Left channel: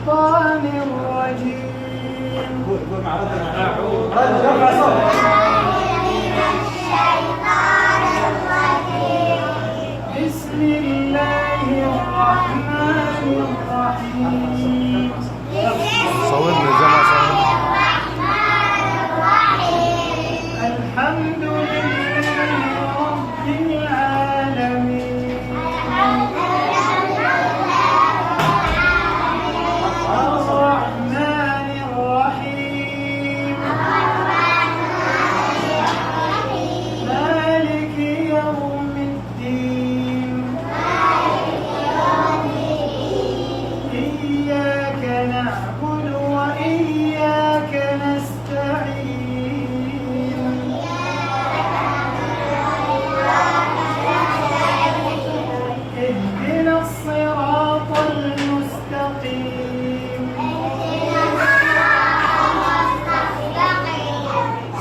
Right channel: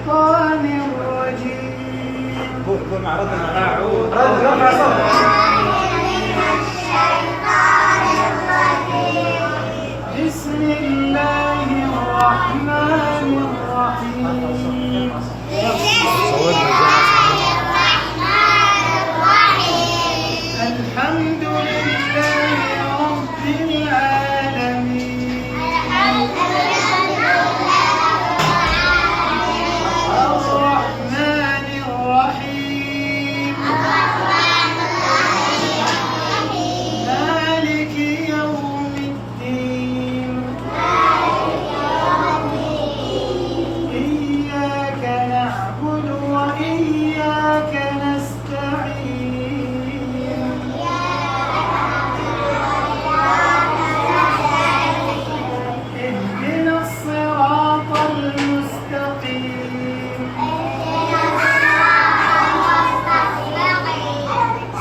الشيطان الرجيم. قول مع رد أعوذ رفع صوت. بسم الله الرحمن الرحيم. الحمد لله رب العالمين. الرحمن الرحيم. مالك يوم الدين. إياك نعبد وإياك نستعين. اهدنا الصراط المستقيم.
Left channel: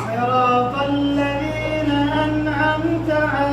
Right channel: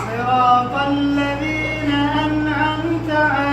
صراط الذين أنعمت عليهم